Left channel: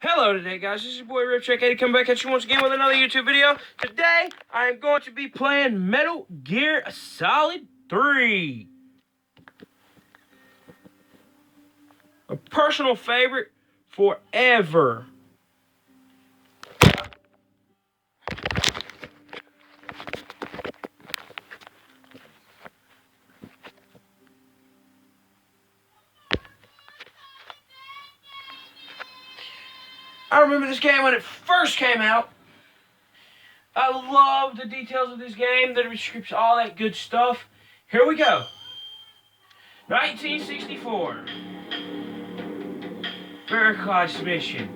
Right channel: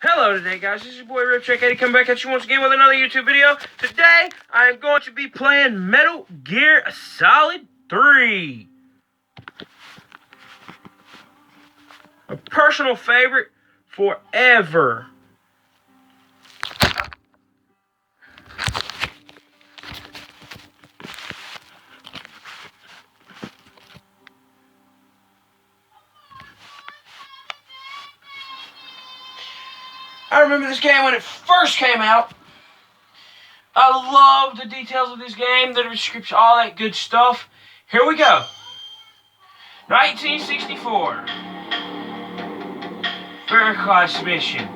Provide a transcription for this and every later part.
Hello today, guys. This is your boy Ripcheck80 coming back at you once again with another YouTube video. Today, I am going to be playing Metal Gear Solid 3. A personal favorite forever. I remember this game when it first came out. I love the details of this game, the description, all that good stuff. Here we go. 1964. First class mission.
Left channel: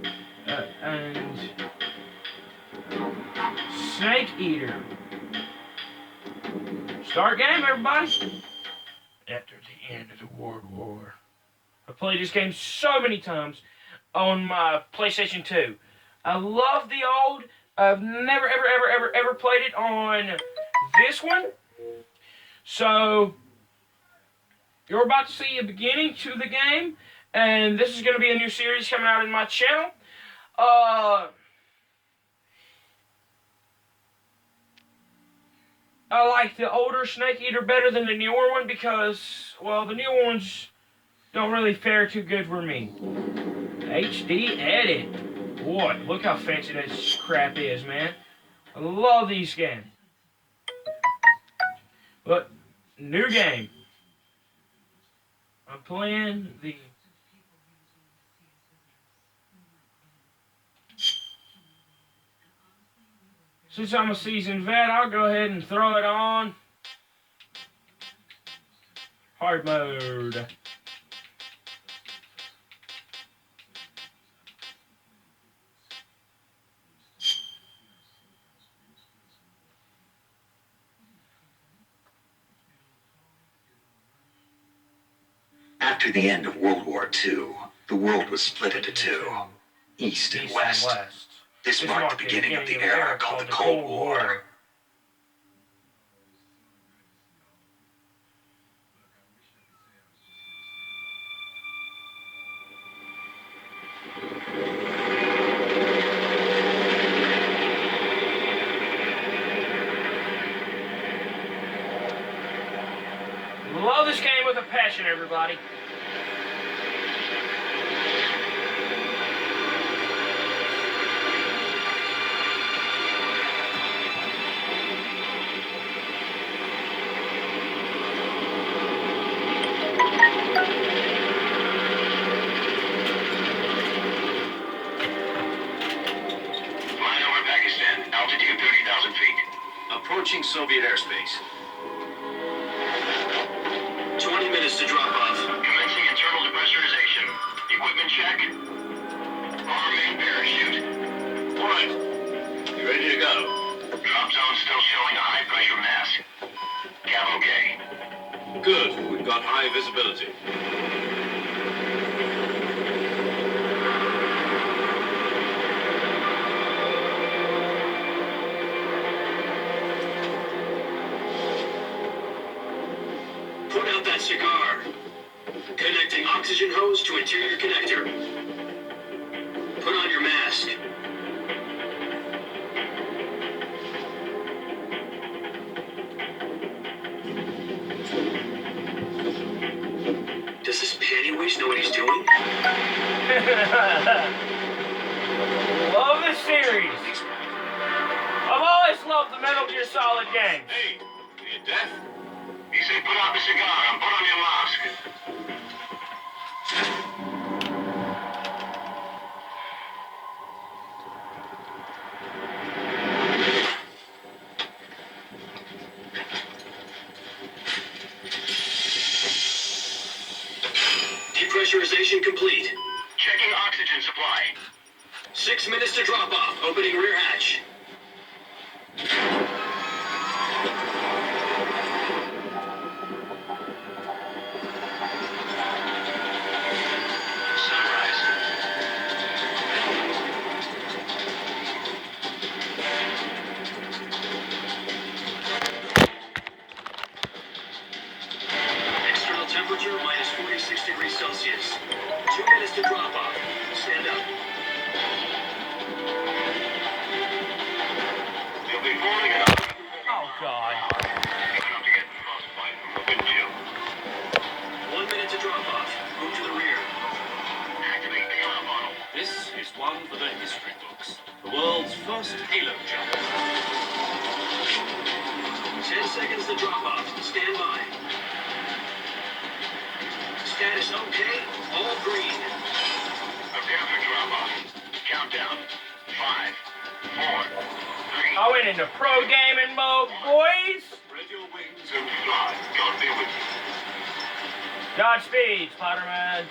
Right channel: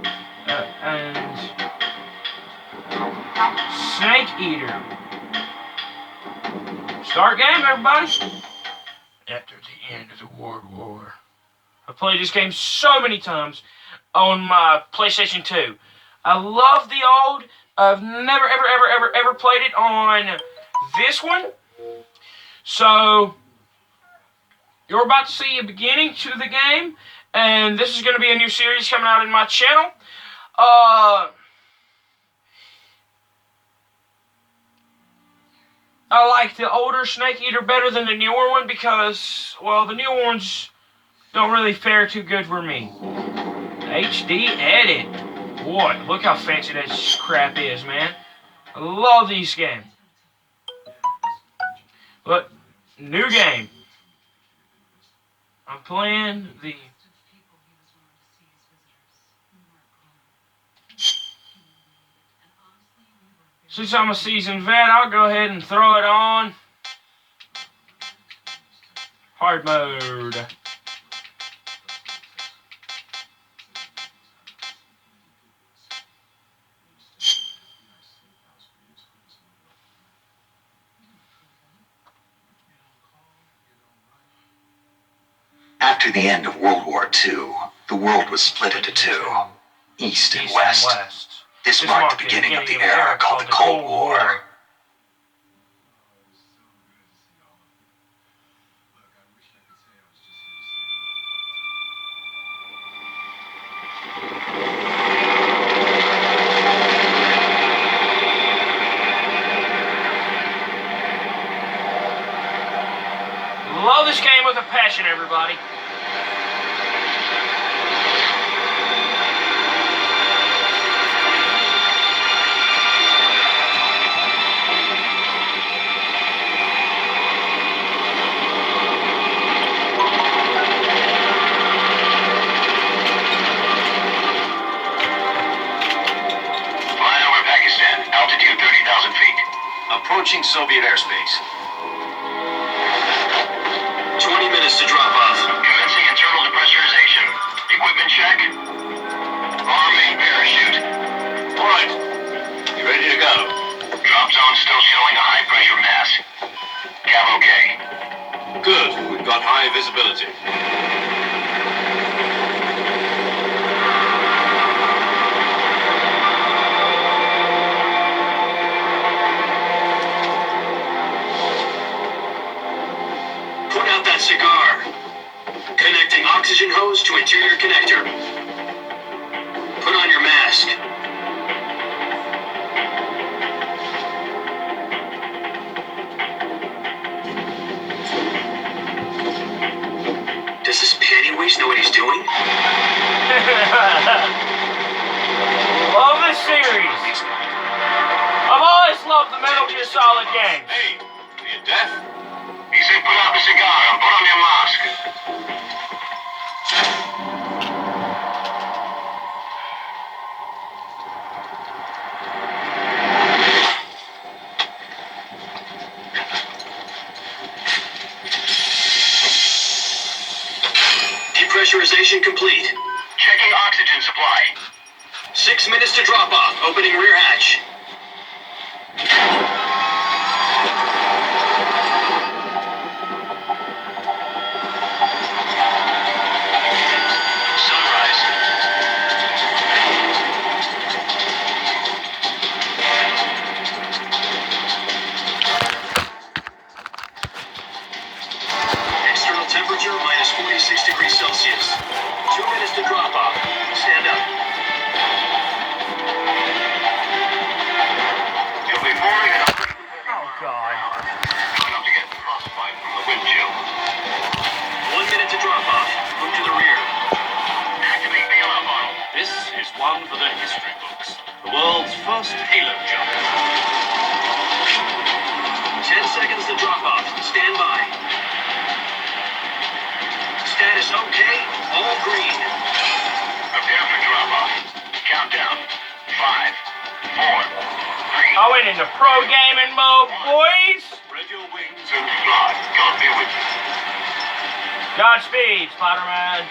And Snake Eater. Start game, everybody. After the end of the World War. I played this game so many times on my PlayStation 2. I love the old. I've never, ever played it on this one. So, you're about to see a beginning to the game. And this is going to be a new series coming out in my channel. I like the older Snake Eater better than the newer one because, well, the newer ones don't really fare too good for me. HD edit. Boy, look how fancy that crap is, man. I love these games. But, new game. I'm playing the... Since I'm a seasoned vet, I'll go ahead and throw it on. Hard mode. After the end of World War II, the world was split into two, East and West. This marked the beginning of the era called the Cold War. Love this game with a passion, everybody. Altitude 30,000 feet. Approaching Soviet airspace. 20 minutes to drop off. Commencing internal depressurization. Equipment check. Arming parachute. All right. You ready to go? Drop zone still showing a high pressure mass. Cav okay. Good. We've got high visibility. Put out that cigar. Connecting oxygen hose to interior connector. Put on your mask. Does this pennyweight know what he's doing? Love this series. I've always loved the Metal Gear Solid games. Hey, are you deaf? He said put out the cigar and put on your mask. Depressurization complete. Checking oxygen supply. 6 minutes to drop off. Opening rear hatch. Temperature minus 46 degrees Celsius. 2 minutes to drop off. Stand up. one for the history books. The world's first halo jump. 10 seconds to drop off. Stand by. Status okay. All green. Prepare for drop off. Countdown. 5, 4, 3. I went into pro gaming mode, boys. Spread your wings and fly. God be with you. Godspeed, Spider-Man.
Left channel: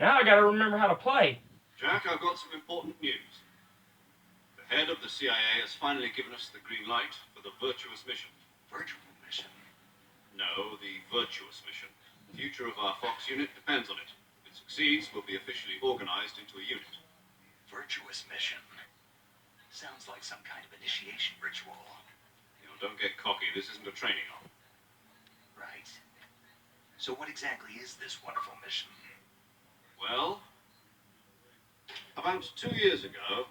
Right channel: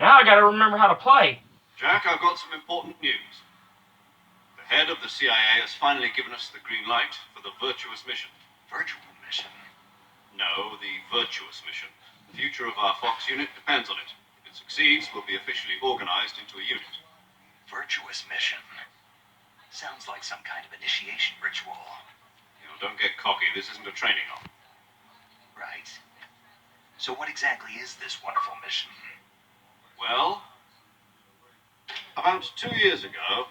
Now I gotta remember how to play. Jack, I've got some important news. The head of the CIA has finally given us the green light for the virtuous mission. Virtual mission. No, the virtuous mission. The future of our Fox unit depends on it. If it succeeds, we'll be officially organized into a unit. Virtuous mission. Sounds like some kind of initiation ritual. You know, don't get cocky. This isn't a training op. Right. So what exactly is this wonderful mission? Well, about 2 years ago,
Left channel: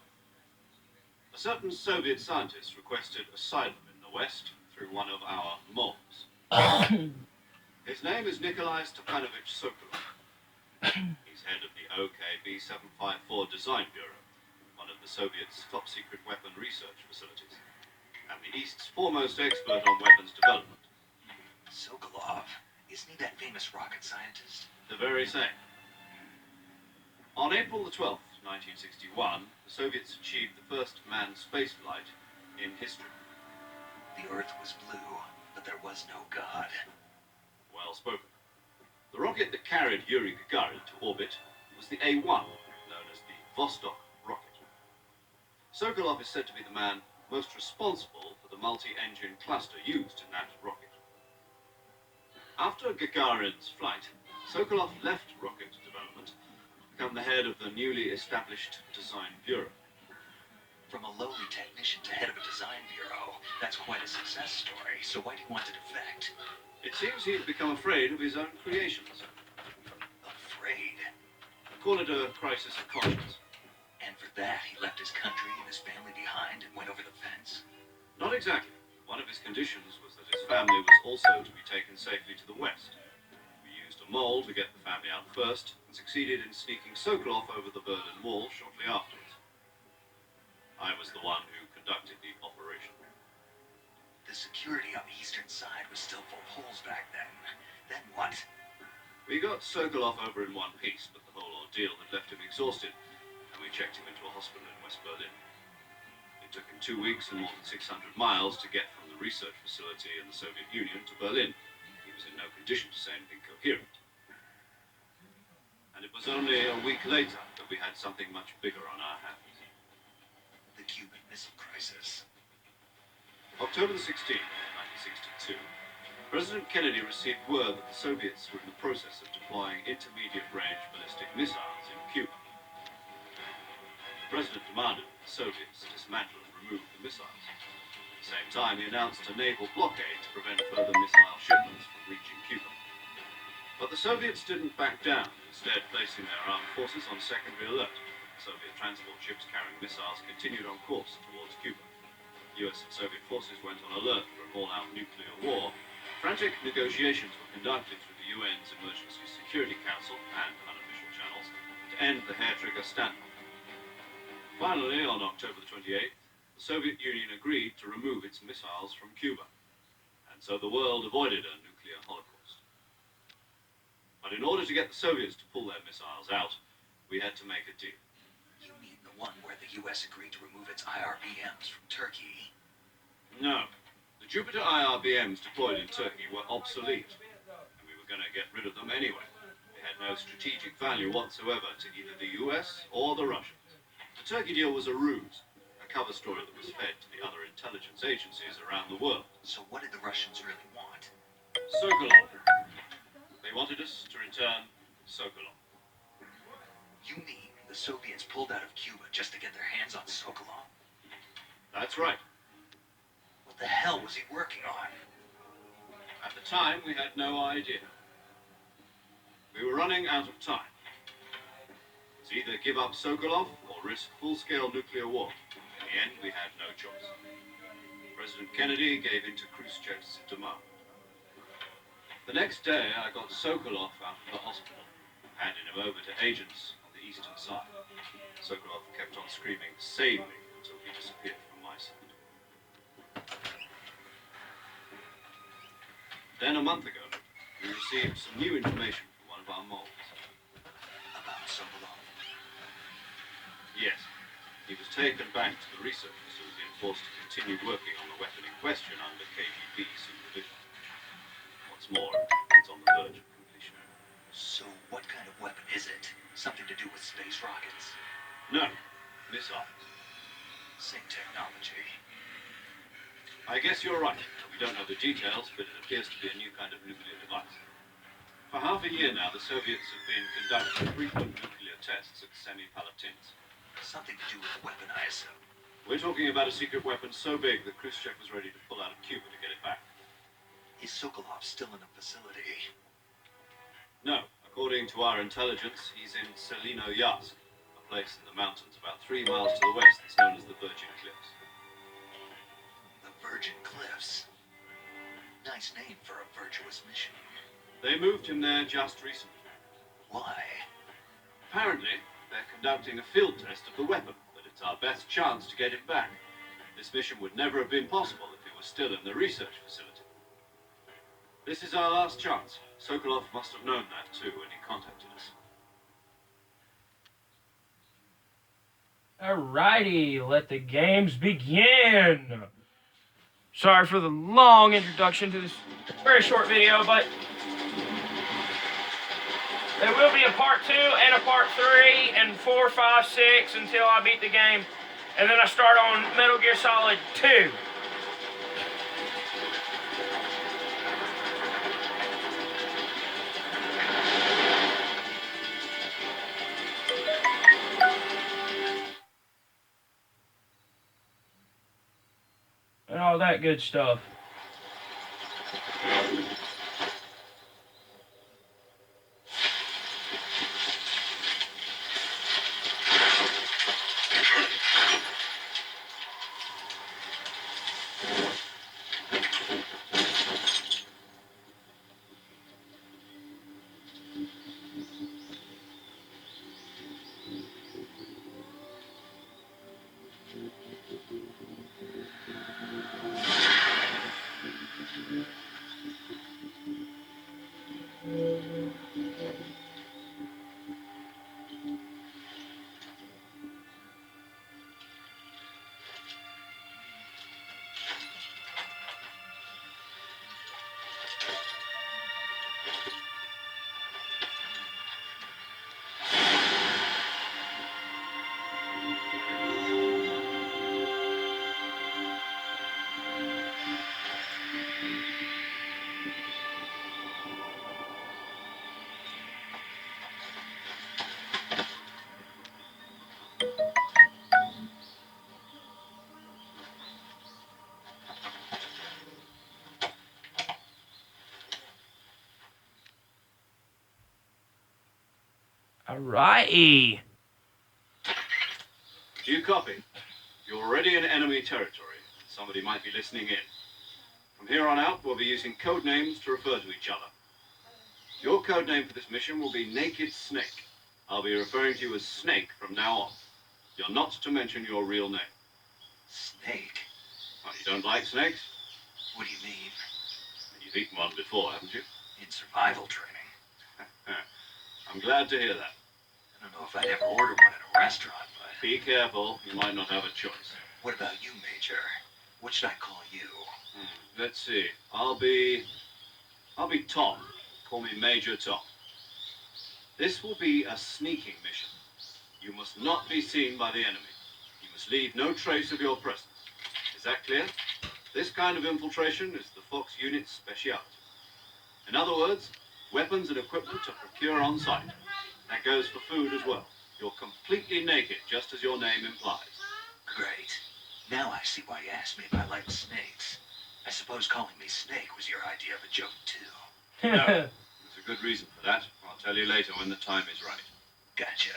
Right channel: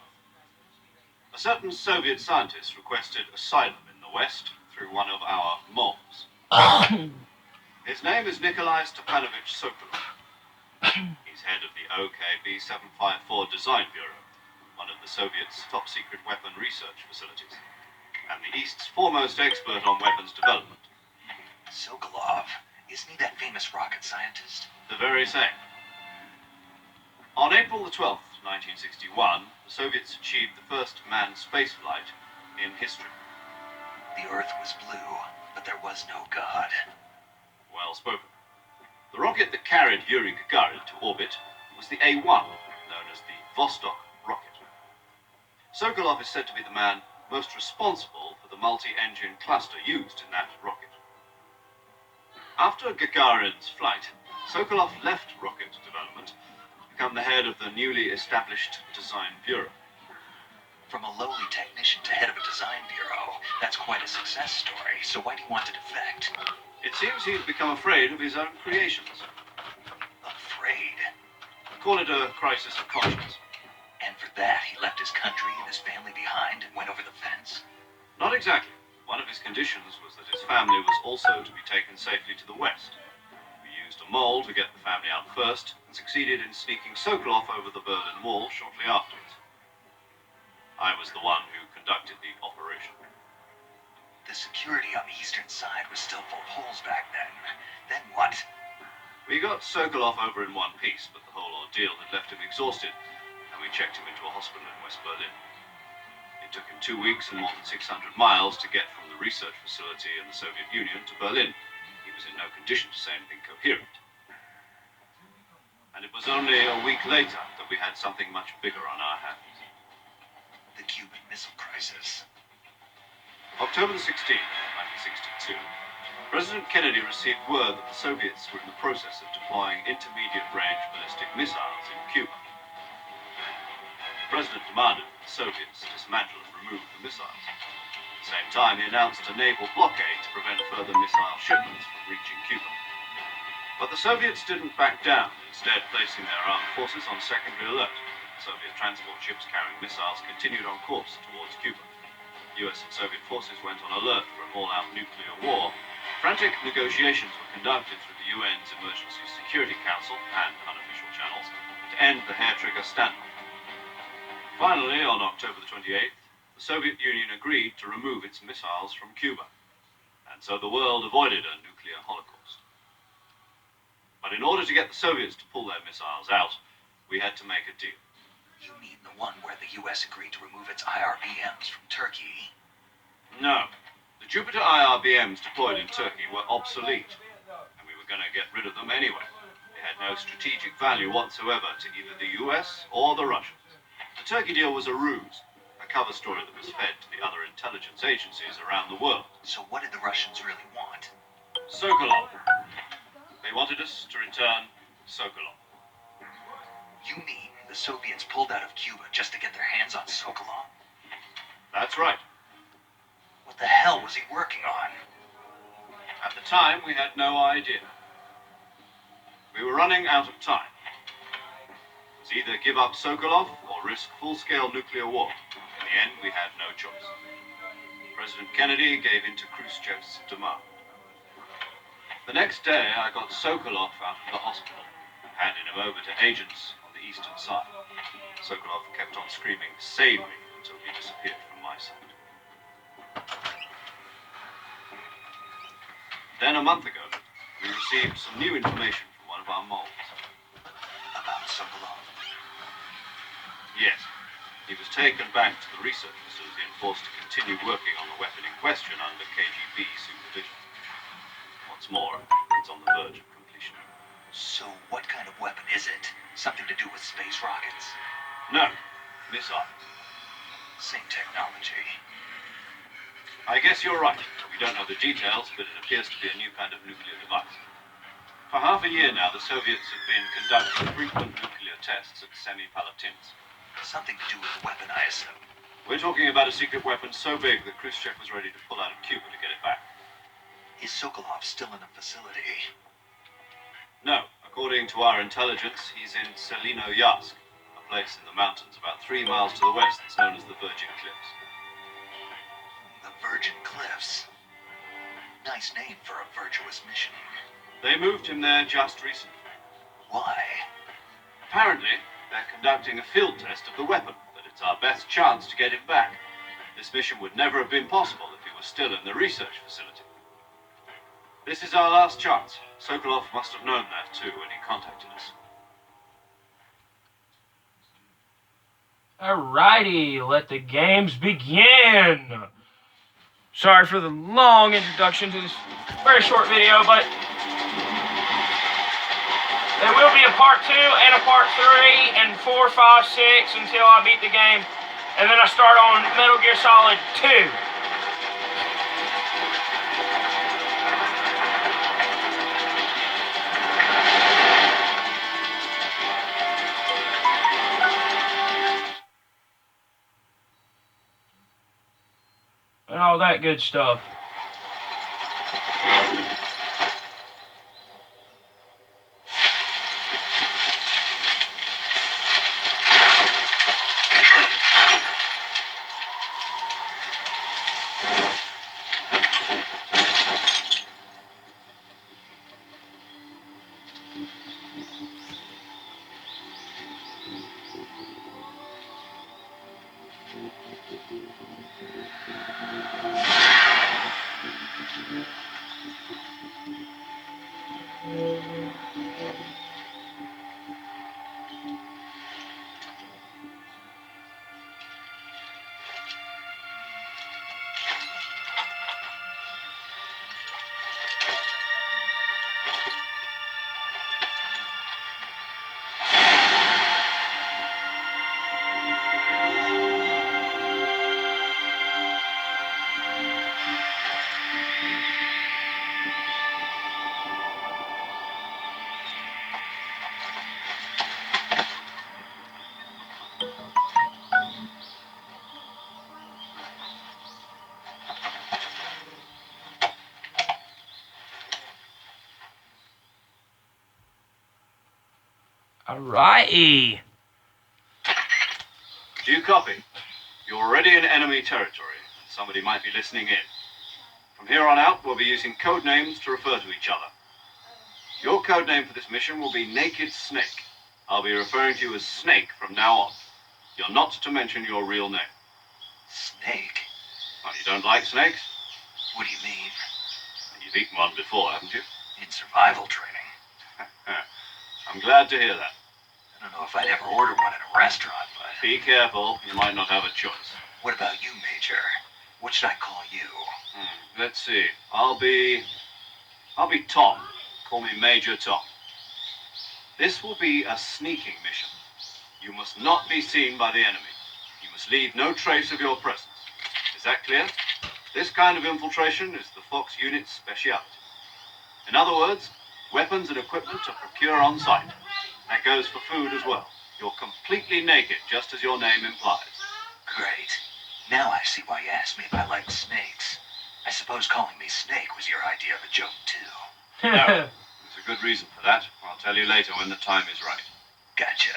a certain Soviet scientist requested asylum in the West through one of our moles. His name is Nikolai Stepanovich Sokolov. He's head of the OKB 754 Design Bureau, one of the Soviets' top-secret weapon research facilities, and the East's foremost expert on weapons development. Sokolov. Isn't he that famous rocket scientist? The very same. On April the 12th, 1961, the Soviets achieved the first manned spaceflight in history. The Earth was blue, but there was no God. Well spoken. The rocket that carried Yuri Gagarin to orbit was the A-1, known as the Vostok rocket. Sokolov is said to be the man most responsible for the multi-engine cluster used in that rocket. After Gagarin's flight, Sokolov left rocket development to become the head of the newly established Design Bureau. From a lowly technician to head of a design bureau, that's quite a success story. So why do you want to defect? It seems he's become afraid of his own creations. Afraid? Call it a crisis of conscience. And for that, he left his country and his family behind and went over the fence? Not exactly. One of his conditions was that his family was also to be taken safely to the West. We used a mole to get the family out first, and succeeded in sneaking Sokolov over the Berlin Wall shortly afterwards. I was the one who conducted the operation. The security on the eastern side was still full of holes back then. Then what? We got Sokolov over in one piece, but the whole ordeal had left him exhausted, and we checked him into a hospital in West Berlin. It took him 2 weeks and more than 600 miles to get from the research facility in the Soviet Union to Berlin. He was in no condition to say anything coherent. And it was only a week later that we had something much bigger on our hands. The Cuban Missile Crisis. October the 16th, 1962, President Kennedy received word that the Soviets were in the process of deploying intermediate-range ballistic missiles in Cuba. The President demanded that the Soviets dismantle and remove the missiles. At the same time, he announced a naval blockade to prevent further missile shipments from reaching Cuba. But the Soviets didn't back down, instead placing their armed forces on secondary alert. Soviet transport ships carrying missiles continued on course towards Cuba. US and Soviet forces went on alert for an all-out nuclear war. Frantic negotiations were conducted through the UN's Emergency Security Council and unofficial channels to end the hair-trigger standoff. Finally, on October the 28th, the Soviet Union agreed to remove its missiles from Cuba, and so the world avoided a nuclear holocaust. But in order to get the Soviets to pull their missiles out, we had to make a deal. You mean the one where the U.S. agreed to remove its IRBMs from Turkey? No. The Jupiter IRBMs deployed in Turkey were obsolete, and we were going to get rid of them anyway. They had no strategic value whatsoever to either the US or the Russians. The Turkey deal was a ruse, a cover story that was fed to the other intelligence agencies around the world. So what did the Russians really want? Sokolov. They wanted us to return Sokolov. You mean the Soviets pulled out of Cuba just to get their hands on Sokolov? That's right. What the hell was he working on? time, we had no idea. We were running out of time. It was either give up Sokolov or risk full-scale nuclear war. In the end, we had no choice. President Kennedy gave in to Khrushchev's demand. The next day, I got Sokolov out of the hospital, handing him over to agents on the eastern side. Sokolov kept on screaming, "Save me," until he disappeared from my sight. Then a month ago, we received some new information from one of our moles. About Sokolov. Yes, he was taken back to the research facility and forced to continue working on the weapon in question under KGB supervision. What's more, it's on the verge of completion. So what kind of weapon is it? Something to do with space rockets? No, missile. Same technology. I guess you're right. We don't know the details, but it appears to be a new kind of nuclear device. For half a year now, the Soviets have been conducting frequent nuclear tests at Semipalatinsk. Something to do with the weapon, I assume. We're talking about a secret weapon so big that Khrushchev was ready to pull out of Cuba to get it back. Is Sokolov still in the facility? No, according to our intelligence, he's in Selino-Yarsk, a place in the mountains about 3 miles to the west that's known as the Virgin Cliffs. The Virgin Cliffs. Nice name for a virtuous mission. They moved him there just recently. Why? Apparently, they're conducting a field test of the weapon, but it's our best chance to get it back. This mission would never have been possible if he was still in the research facility. This is our last chance. Sokolov must have known that too when he contacted us. Alrighty, let the games begin. Sorry for the long introduction to this very short video, but there will be a part 2 and a part 3 and 4, 5, 6 until I beat the game. And then I start on Metal Gear Solid 2. And all that good stuff. Alrighty. Do you copy? You're already in enemy territory, and somebody might be listening in. From here on out, we'll be using code names to refer to each other. Your code name for this mission will be Naked Snake. I'll be referring to you as Snake from now on. You're not to mention your real name. Snake? Oh, you don't like snakes? What do you mean? You've eaten one before, haven't you? In survival training. I'm glad to hear that. I don't know if I'd ever order one at a restaurant, but... Be careful, you might not have a choice. What about you, Major? What should I call you? Let's see. I'll be Tom. Call me Major Tom. This will be a sneaking mission. You must not be seen by the enemy. You must leave no trace of your presence. Is that clear? This kind of infiltration is the Fox unit's speciality. In other words, weapons and equipment are procured on site. That goes for food as well. You're completely naked, just as your name implies. Great. Now I see why you asked me if I like snakes. I suppose calling me Snake was your idea of a joke, too. No. There's a good reason for that. I'll tell you later when the time is right. Gotcha.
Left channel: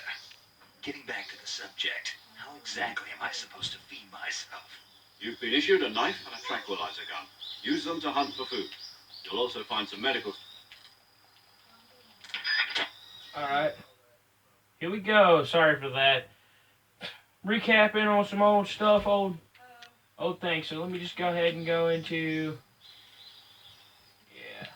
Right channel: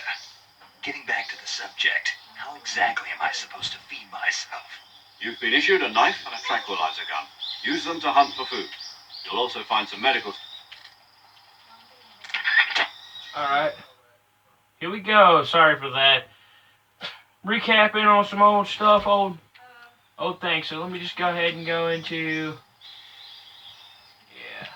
Getting back to the subject, how exactly am I supposed to feed myself? You've been issued a knife and a tranquilizer gun. Use them to hunt for food. You'll also find some medical... Alright. Here we go. Sorry for that. Recapping on some old stuff, old things. So let me just go ahead and go into... Yeah.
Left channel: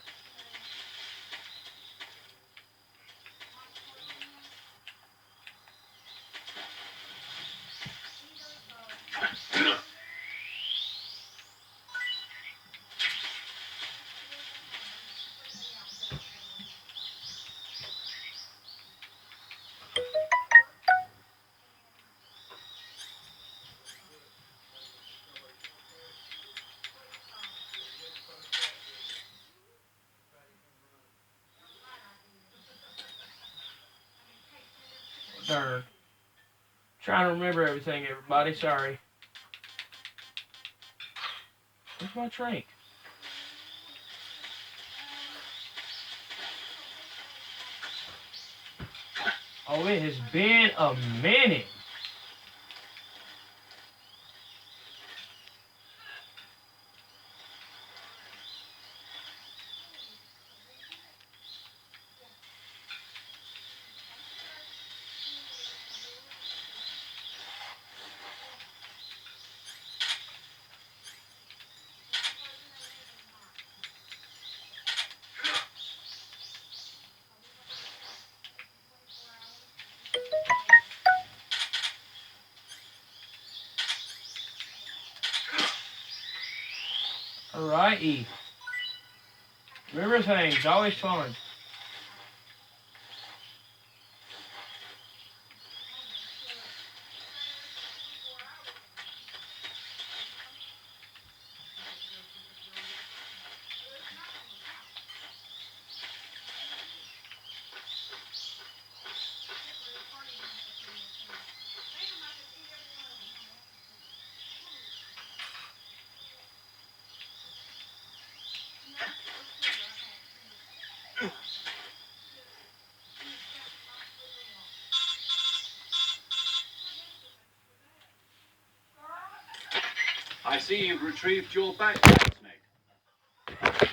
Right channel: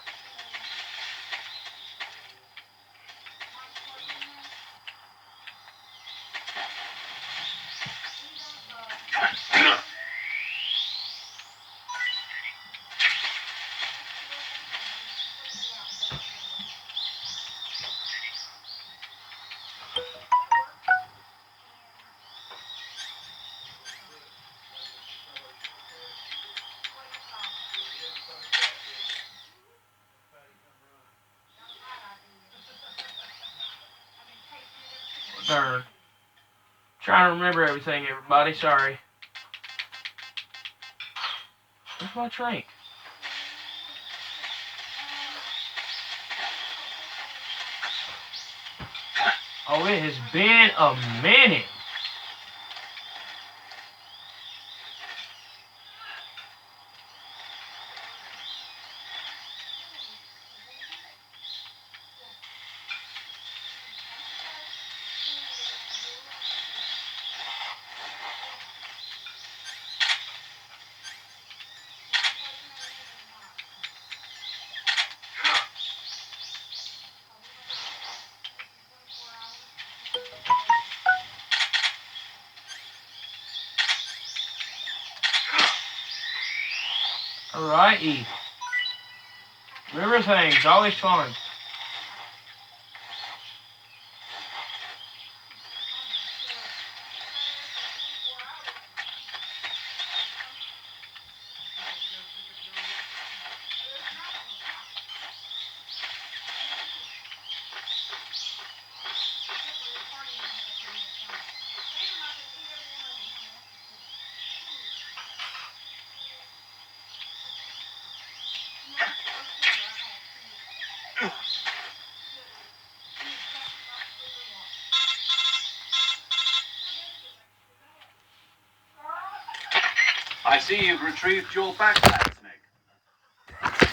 Darn. Trying to remember everything, everybody. Sorry. Where's my drink? Oh, it has been a minute. Alrighty. Remember things, always fun. I see you've retrieved your backpack, Snake.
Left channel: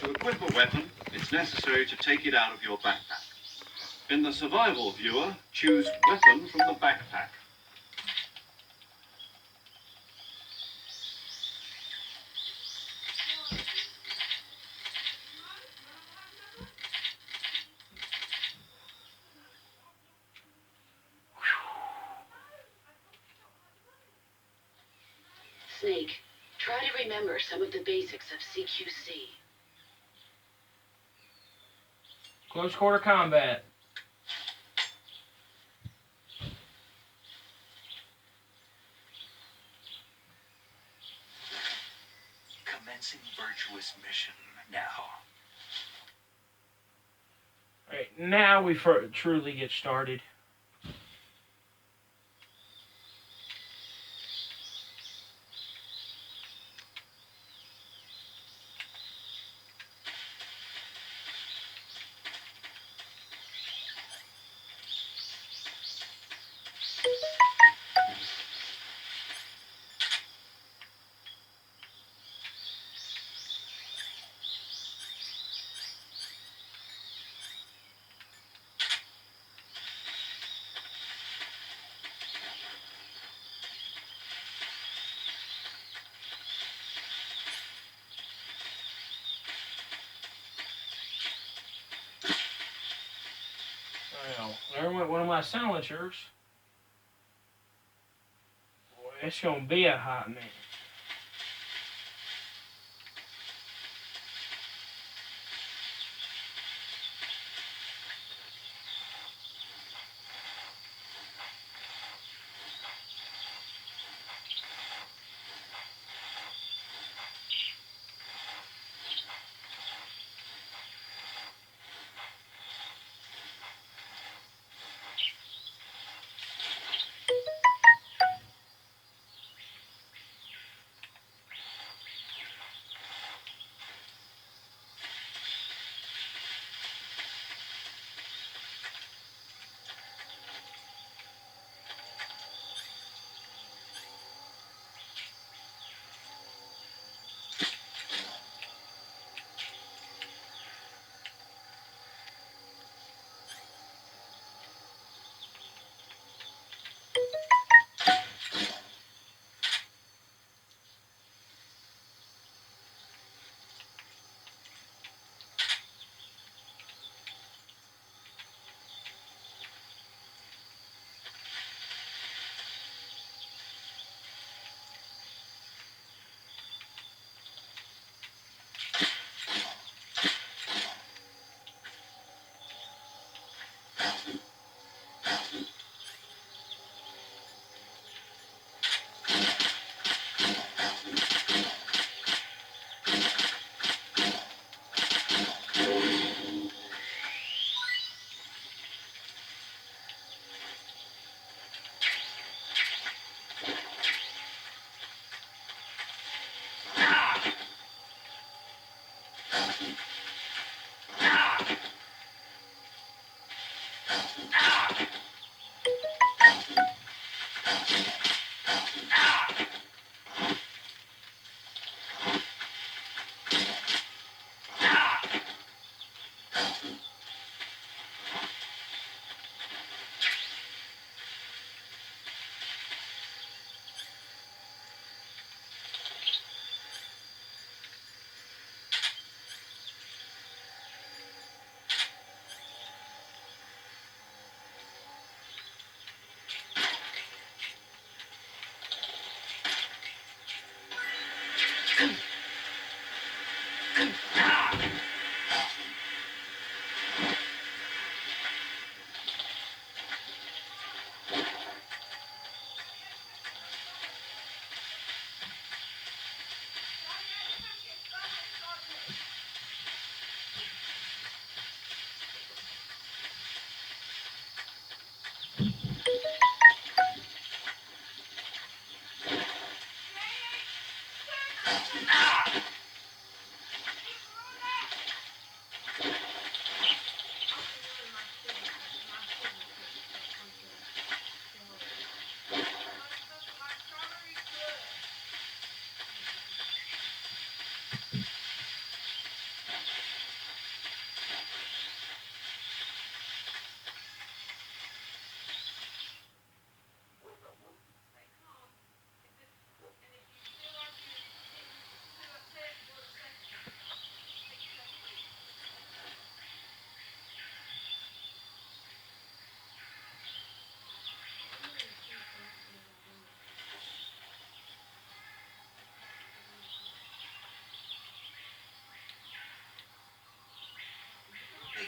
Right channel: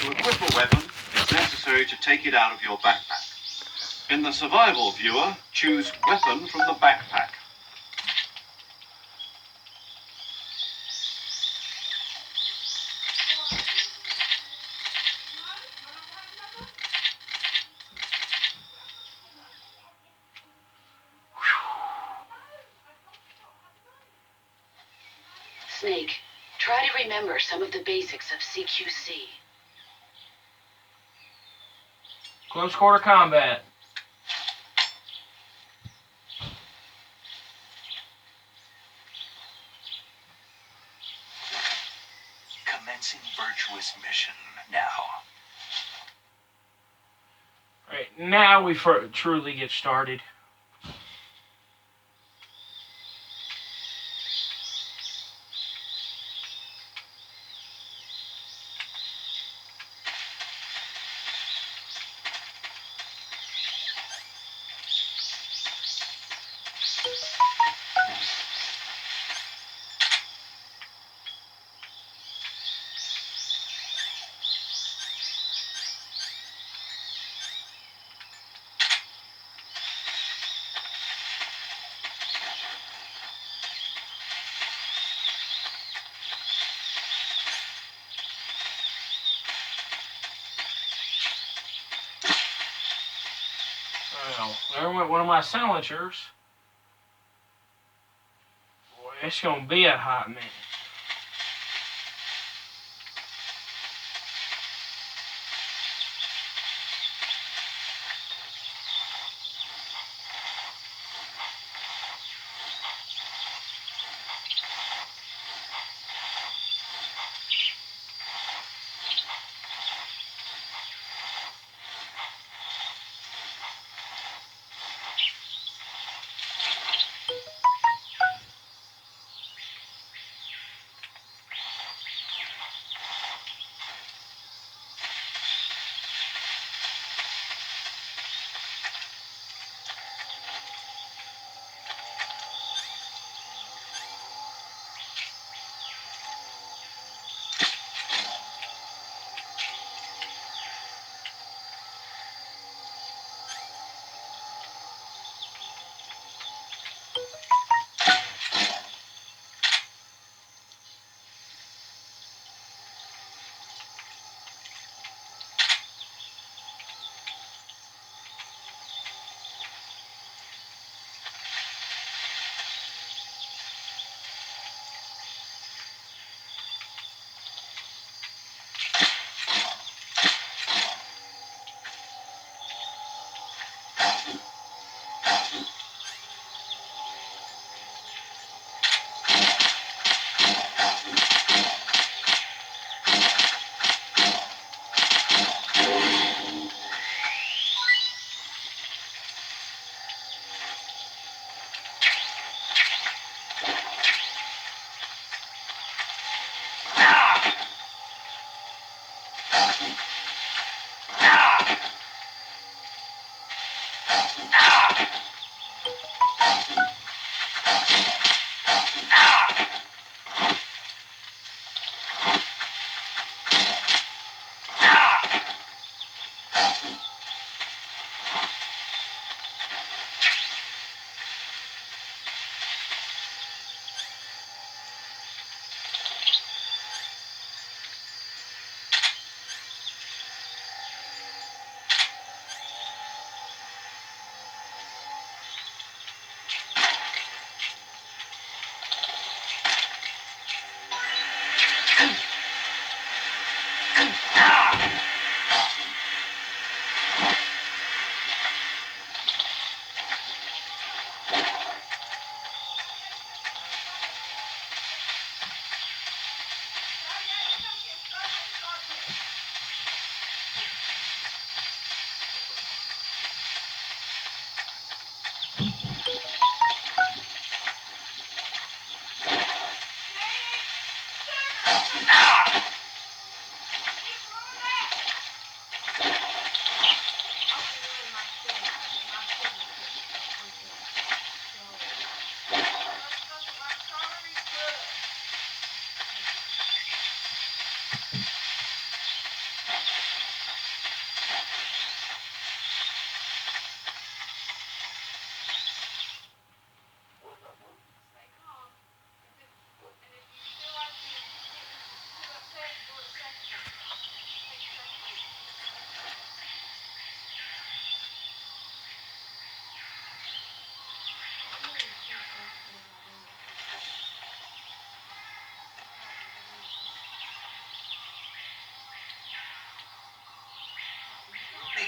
To equip a weapon, it's necessary to take it out of your backpack. In the survival viewer, choose Weapon from the backpack. Snake, try to remember some of the basics of CQC. Close quarter combat. Commencing virtuous mission now. Alright, now we truly get started. Well, there went one of my silencers. Boy, it's gonna be a hot minute.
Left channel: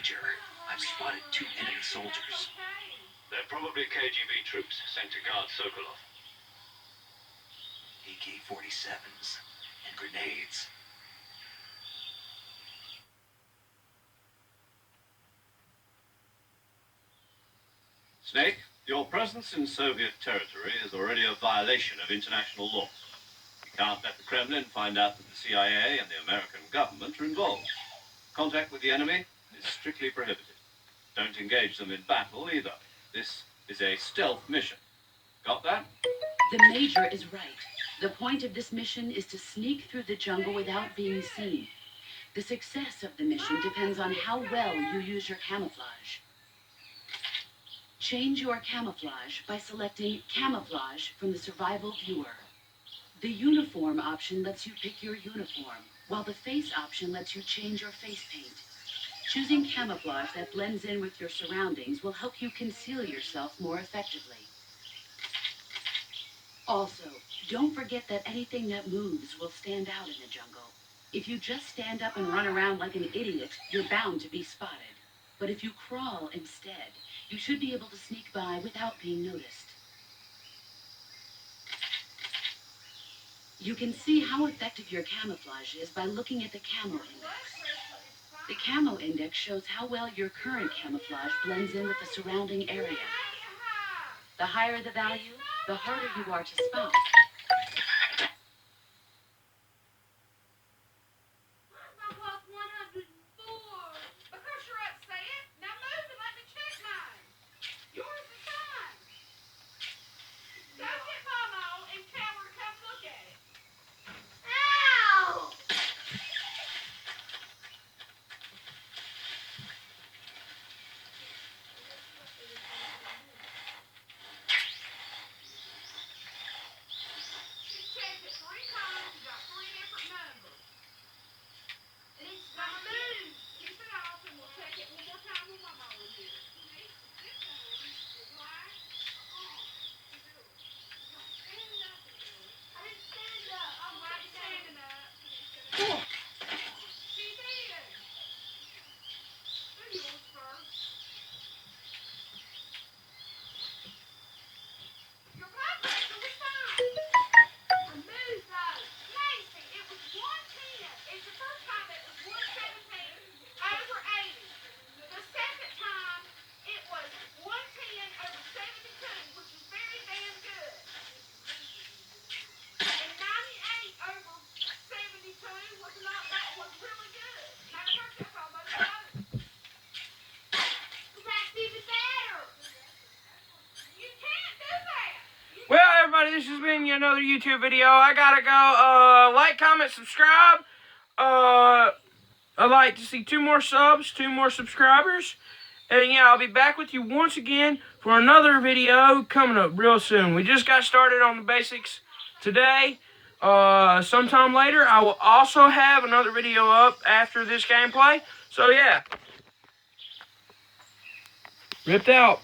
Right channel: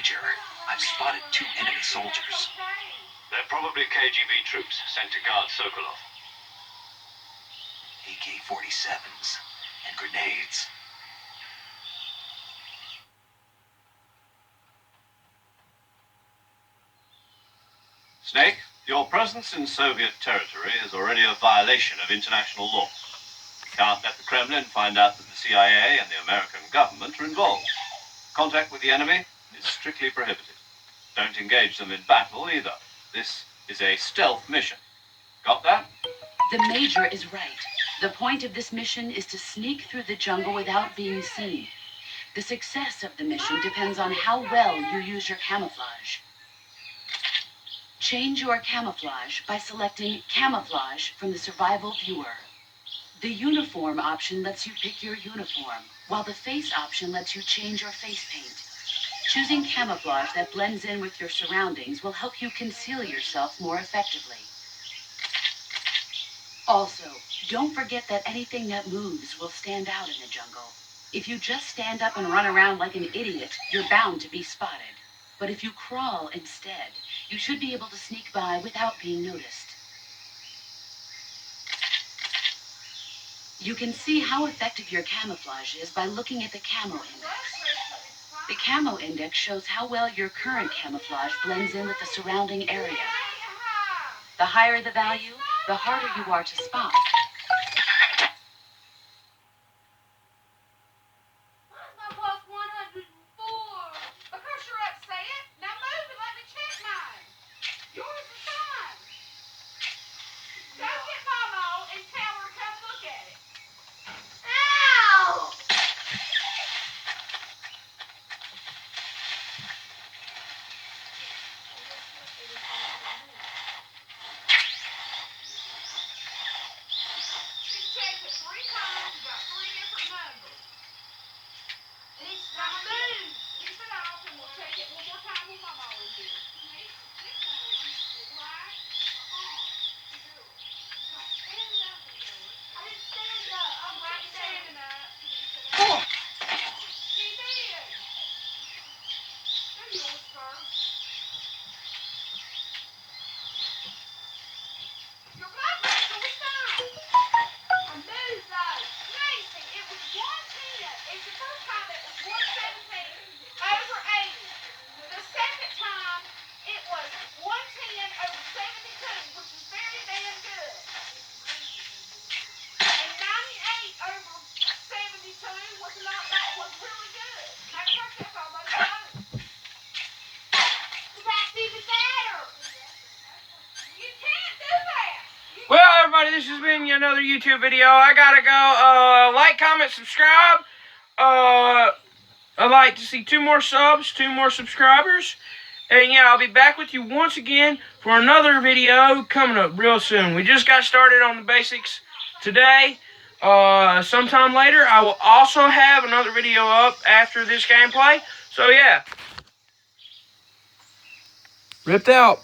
Major, I've spotted 2 enemy soldiers. They're probably KGB troops sent to guard Sokolov. AK-47s and grenades. Snake, your presence in Soviet territory is already a violation of international law. We can't let the Kremlin find out that the CIA and the American government are involved. Contact with the enemy is strictly prohibited. Don't engage them in battle either. This is a stealth mission. Got that? The Major is right. The point of this mission is to sneak through the jungle without being seen. The success of the mission depends on how well you use your camouflage. Change your camouflage by selecting Camouflage from the Survival Viewer. The Uniform option lets you pick your uniform, while the Face option lets you change your face paint. Choosing camouflage that blends in with your surroundings will help you conceal yourself more effectively. Also, don't forget that anything that moves will stand out in the jungle. If you just stand up and run around like an idiot, you're bound to be spotted. But if you crawl instead, you should be able to sneak by without being noticed. You can see how effective your camouflage is by looking at the Camo Index. The Camo Index shows how well your current camouflage blends in with the surrounding area. The higher the value, the harder you are to spot. this has been another YouTube video. I gotta go. Like, comment, subscribe. I'd like to see 2 more subs, 2 more subscribers. And yeah, I'll be back with you once again for another video coming up real soon. We just got started on the basics today. Sometime later, I will also have another video up after this gameplay. So yeah. Ripped out.